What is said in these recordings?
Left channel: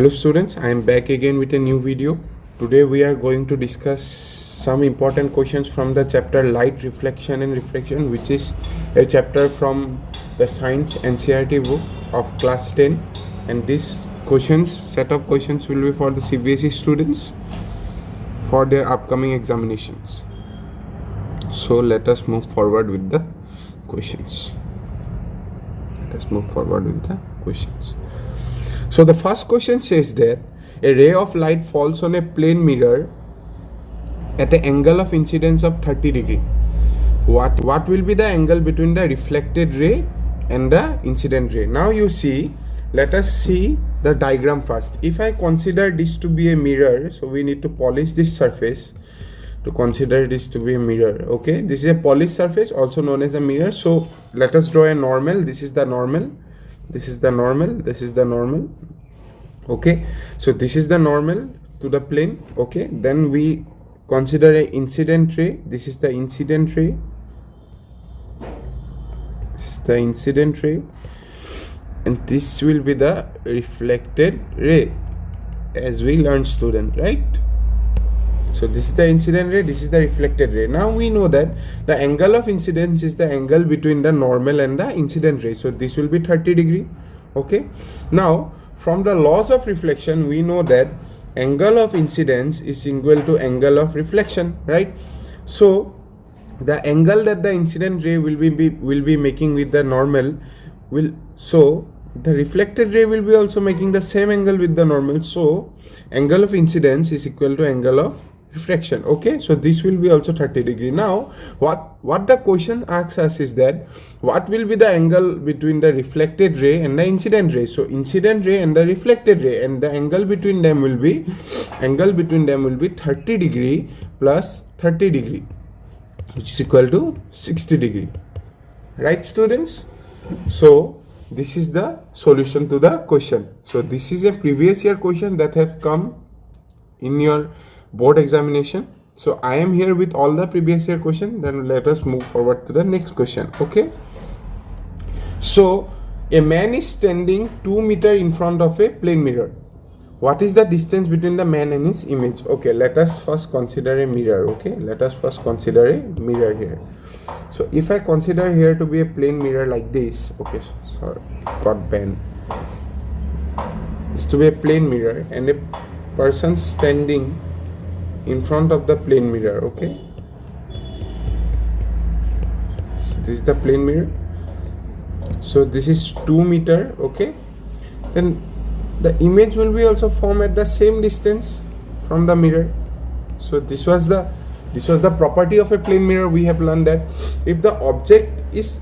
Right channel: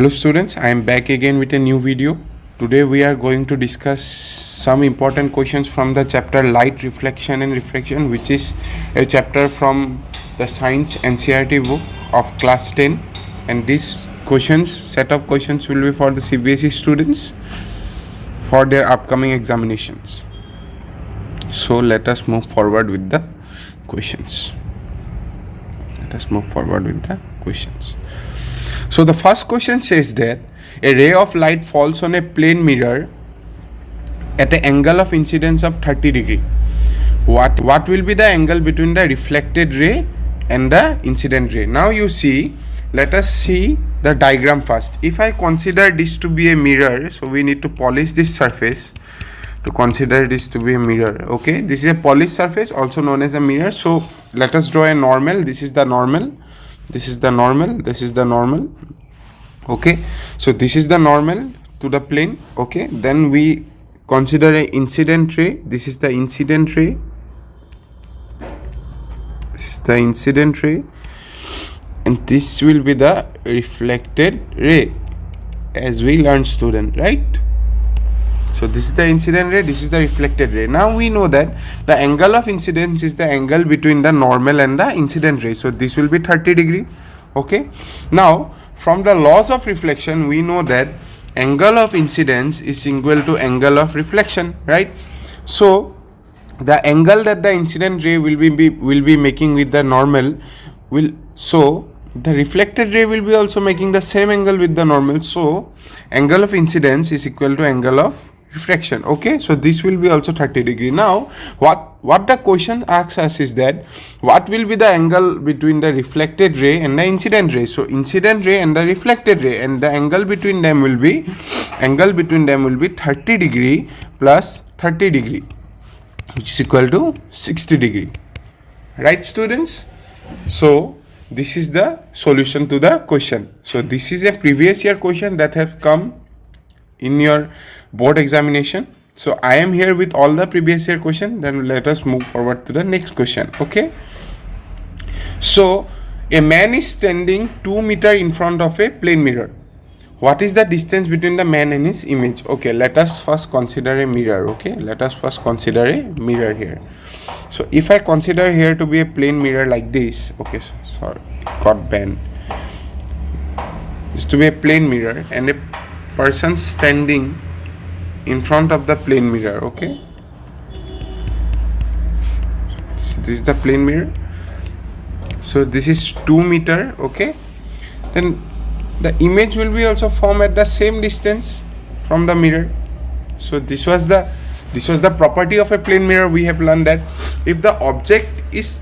Hello students, I am back again with a new video. Today we are going to discuss some important questions from the chapter Light, Reflection and Refraction, which is a chapter from the Science NCERT book of class 10, and these questions, set of questions, will be for the CBSE students for their upcoming examinations. So let us move forward with the questions. So the first question says that a ray of light falls on a plane mirror at an angle of incidence of 30 degree. What will be the angle between the reflected ray and the incident ray? Now you see, let us see the diagram first. If I consider this to be a mirror, so we need to polish this surface to consider this to be a mirror. Okay, this is a polished surface, also known as a mirror. So let us draw a normal. This is the normal. This is the normal. This is the normal. Okay, so this is the normal to the plane. Okay, then we consider a incident ray. This is the incident ray. This is the incident ray, and this will be the reflected ray, as we learned, student, right? So this is the incident ray, this is the reflected ray. Now we know that the angle of incidence is the angle between the normal and the incident ray. So this will be 30 degree. Okay. Now from the laws of reflection, we know that angle of incidence is equal to angle of reflection, right? So the angle that the incident ray will be making with the normal the reflected ray will be also making the same angle with the normal. So angle of incidence is equal to angle of refraction. Okay, so this will be also 30 degree. Now what the question asks us is that what will be the angle between the reflected ray and the incident ray? So incident ray and the reflected ray, and the angle between them will be 30 degree plus 30 degree, which is equal to 60 degree, right students? So this is the solution to the question. So this is a previous year question that have come in your board examination. So I am here with all the previous year question. Then let us move forward to the next question. Okay, so a man is standing 2 meters in front of a plane mirror. What is the distance between the man and his image? Okay, let us first consider a mirror. Okay, let us first consider a mirror here. So if I consider here to be a plane mirror like this, okay, sorry, it got bent. It's to be a plane mirror and a person standing in front of the plane mirror. Okay, so this is the plane mirror. So this is 2 meters. Okay, then the image will be also formed at the same distance from the mirror. So this was the property of a plane mirror. We have learned that if the object is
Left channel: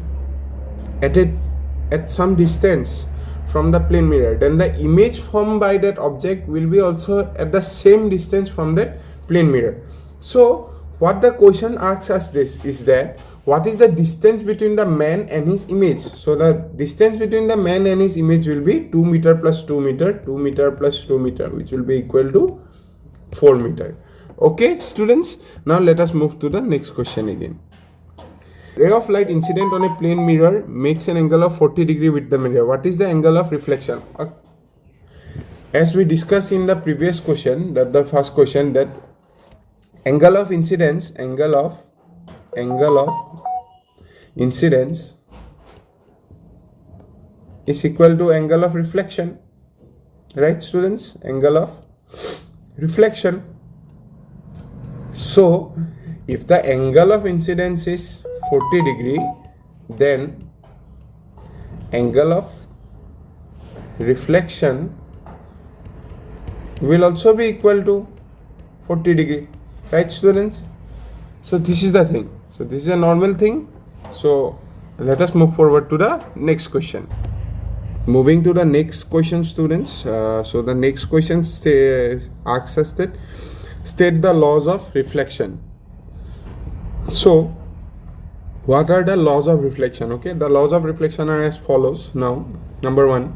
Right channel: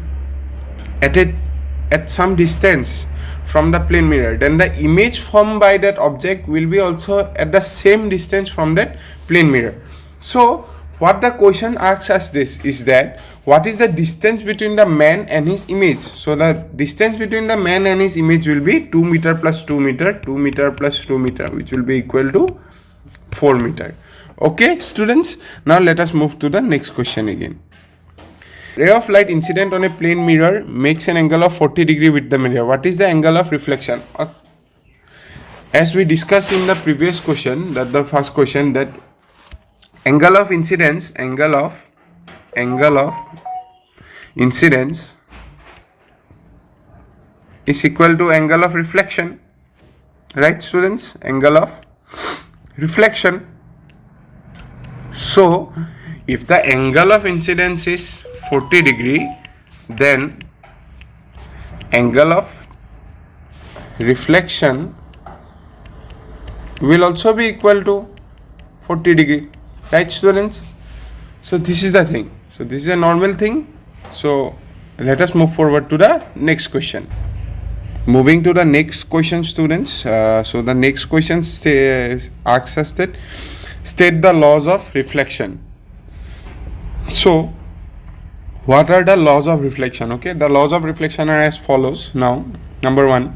at some distance from the plane mirror, then the image formed by that object will be also at the same distance from that plane mirror. So what the question asks us this is that what is the distance between the man and his image? So the distance between the man and his image will be 2 meters plus 2 meters, 2 meters plus 2 meters, which will be equal to 4 meters. Okay students, now let us move to the next question again. Ray of light incident on a plane mirror makes an angle of 40 degree with the mirror. What is the angle of reflection? As we discussed in the previous question, that the first question, that angle of incidence is equal to angle of reflection, right students? Angle of reflection. So if the angle of incidence is 40 degree, then angle of reflection will also be equal to 40 degree, right students? So this is the thing. So this is a normal thing. So let us move forward to the next question. Moving to the next question, students. So the next question asks us that state the laws of reflection. So what are the laws of reflection? Okay, the laws of reflection are as follows. Now, number one,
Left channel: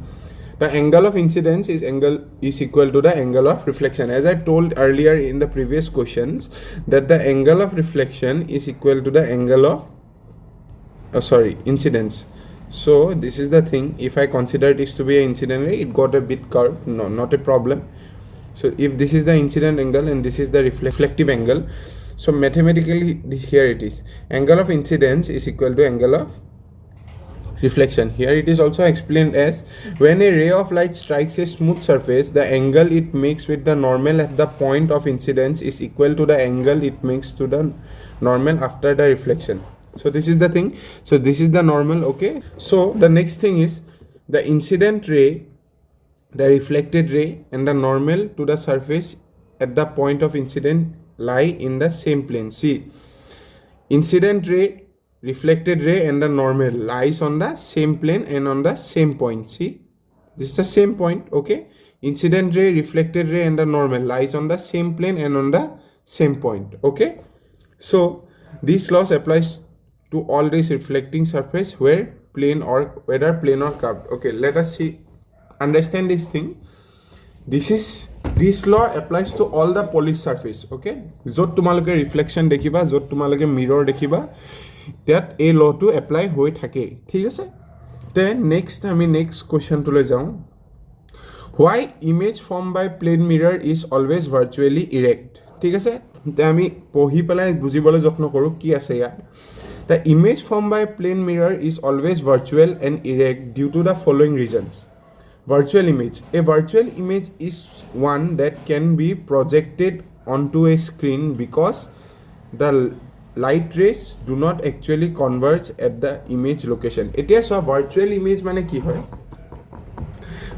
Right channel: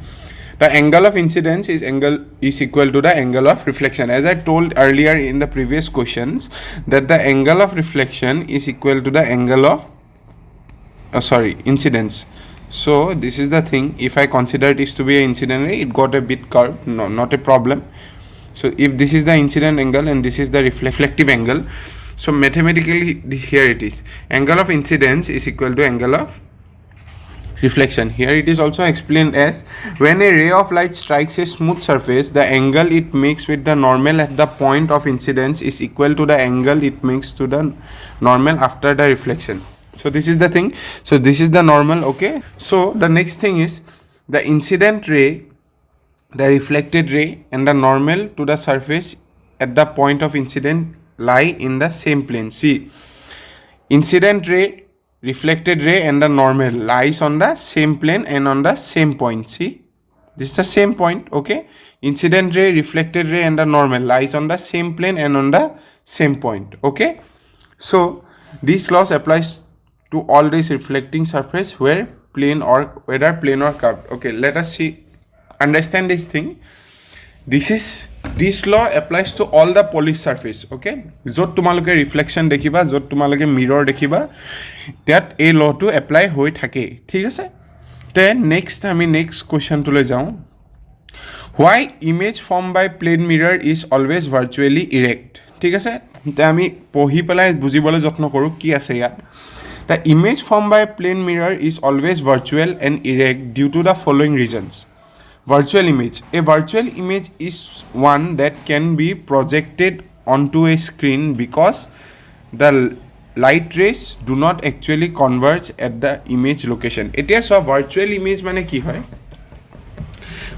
the angle of incidence is equal to the angle of reflection. As I told earlier in the previous questions, that the angle of reflection is equal to the angle of incidence. So this is the thing. If I consider this to be an incident ray, it got a bit curved. No, not a problem. So if this is the incident angle and this is the reflective angle, so mathematically here it is, angle of incidence is equal to angle of reflection. Here it is also explained as when a ray of light strikes a smooth surface, the angle it makes with the normal at the point of incidence is equal to the angle it makes to the normal after the reflection. So this is the thing. So this is the normal. Okay, so the next thing is the incident ray, the reflected ray, and the normal to the surface at the point of incident lie in the same plane. See, incident ray, reflected ray, and the normal lies on the same plane and on the same point. See, this is the same point. Okay, incident ray, reflected ray, and the normal lies on the same plane and on the same point. Okay, so this laws applies to all these reflecting surface where plane or whether plane or curved. Okay, let us see, understand this thing. This law applies to all the polished surface. Okay, jot tumaloke reflection dekhiba, jot tumaloke mirror dekhiba, that a law to apply hoi thake. Thik ase? Then next question to le jao. Why image formed by plane mirror is always virtually erect? Thik ase? Te ami pohi pelai bujibole jotno koru ki ase ya. The image formed by plane mirror is always virtual and erect due to the following reasons. Virtual image. A virtual image is one that can be projected onto a screen because the light rays do not actually converge at the image location. It is a virtual image mane ki hoy?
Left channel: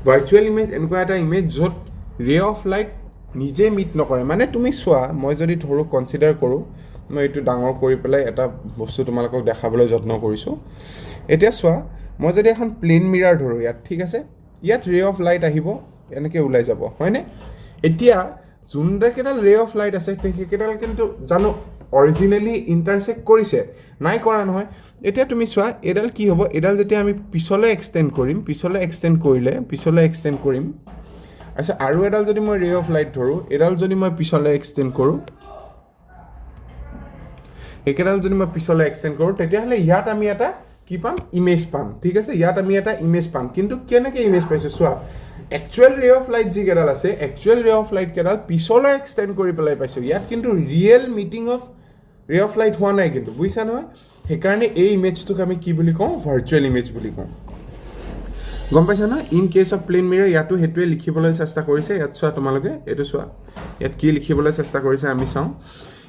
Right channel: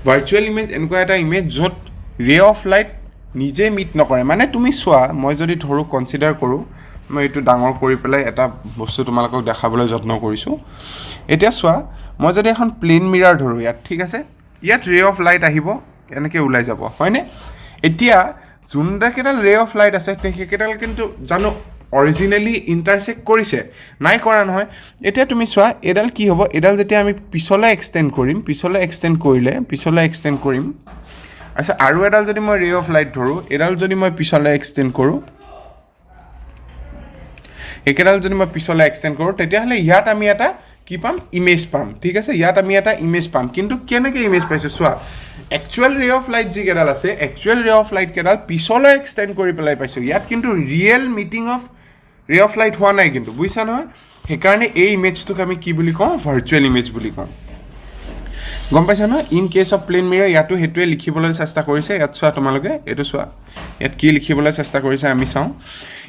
Virtual image enko eta image jot ray of light nije meet nokore. Mane tumi soa, moi jodi thoru consider koru, মই এটো ডাঙৰ কৰি পেলাই এটা বস্তু তোমালোকক দেখাবলৈ যত্ন কৰিছো। এতিয়া সোৱা, মই যদি এখন প্লেন মিৰাৰ ধৰো ইয়াত, ঠিক আছে, ইয়াত ৰে অফ লাইট আহিব, এনেকৈ ওলাই যাব, হয়নে? এতিয়া যোনকেইডাল ৰে অফ লাইট আছে সেইকেইডাল কিন্তু জানো অৰিজিনেলি ইণ্টাৰসেক্ট কৰিছে নাই, কৰা নহয়। এতিয়া তুমি চোৱা এডাল কি হ'ব, এডাল যেতিয়া আমি পিছলৈ এক্সটেণ্ড কৰিম, পিছলৈ এক্সটেণ্ড কৰিম, আচ্ছা, আৰু এডাল যদি মই ৰে অফ লাইট ধৰো, এডাল যদি মই পিছলৈ এক্সটেণ্ড কৰোঁ, একেডাল যদি মই পিছলৈ এক্সটেণ্ড কৰোঁ, তেতিয়াহ'লে ইয়াত আমি এটা কি পাম, ইমেজ পাম, ঠিক আছে, ইয়াত আমি এটা ইমেজ পাম। কিন্তু কেনেকৈ ইমেজ পাইছোঁ চোৱা, একচুৱেল ৰে অফ লাইট যিকেইডাল আছে, একচুৱেল ৰে অফ লাইট কেইডাল পিছলৈ এক্সটেণ্ড কৰি পেলাই পাইছোঁ। ইয়াত কিন্তু ৰিয়েল মিটিং অফ ৰে অফ লাইট হোৱা নাই কিন্তু, বুজিছা নহয়? সেইকাৰণে এই ইমেজটোক আমি কি বুলি কওঁ, ভাৰ্চুৱেল ইমেজ বুলি কওঁ। গম পাইছা নহয়? In case of plane mirror ইয়াতো সেইটোৱে লিখিবলৈ চেষ্টা কৰিছে। ইয়াত চোৱা তোমালোকে, এইটো চোৱা ইয়াত কি লিখিবলৈ চেষ্টা কৰিছে আমি চাওঁ।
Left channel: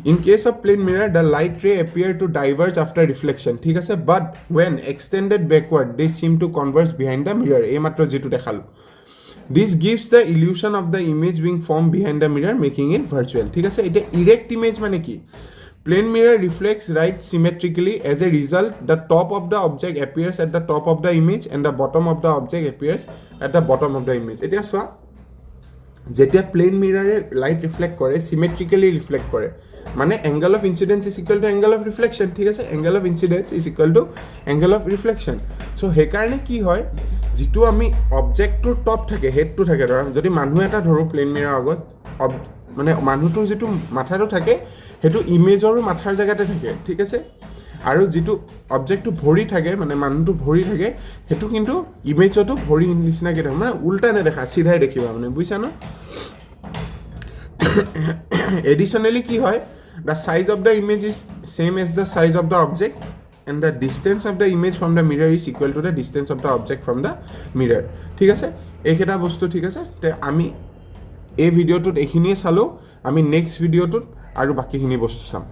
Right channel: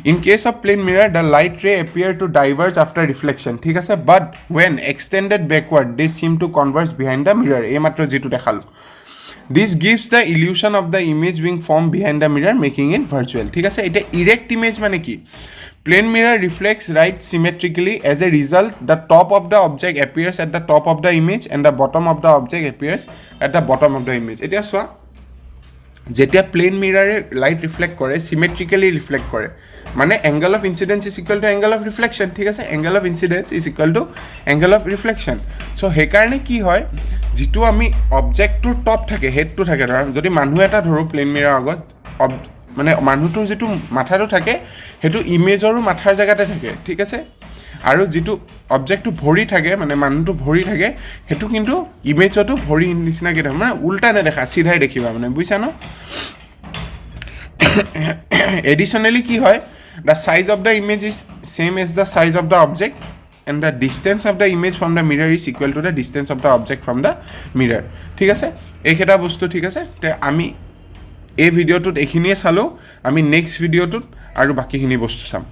In case of plane mirror the light ray appear to diverge after reflection, ঠিক আছে, but when extended backward they seem to converge behind the mirror, এইমাত্ৰ যিটো দেখালোঁ। This gives the illusion of the image being form behind the mirror making it virtual, ঠিক আছে। এতিয়া erect image মানে কি? Plane mirror reflects light symmetrically. As a result, the top of the object appears at the top of the image and the bottom of the object appears at the bottom of the image. এতিয়া চোৱা, যেতিয়া plane মিৰাৰে light reflect কৰে, চিমেট্ৰিকেলি reflect কৰে, মানে angle of incidence is equal to angle of reflection, ঠিক আছে, angle of incidence is equal to angle of reflection. চ' সেইকাৰণে কি হয়, যিটো আমি অবজেক্টটোৰ টপ থাকে, হেডটো থাকে, ধৰা যদি মানুহ এটা ধৰোঁ প্লেন মিৰাৰ আগত, মানে মানুহটোৰ যিটো মাথাটো থাকে সেইটো ইমেজৰো মাথাৰ জেগাতে থাকে, ঠিক আছে, আৰু যিটো অবজেক্টটো ভৰি থাকে, মানে মানুহটো ভৰি থাকে, সেইটো কিন্তু ইমেজতো ভৰি নিচিনাকৈ থাকে, মানে উল্টা নেদেখা, চিধাই দেখিবা, মানে বুজিছা ন? এডিশ্যনেলি কি হয়, the size of the image is same as the size of the object and the distance of the image from the mirror is equal to the distance of the object from the mirror, ঠিক আছে। এইকেইটা বস্তু, ঠিক আছে। তে আমি এই ভিডিঅ'টোত এইখিনিয়ে চালোঁ, আমি নেক্সট ভিডিঅ'টোত আৰু বাকীখিনি বস্তু চাম।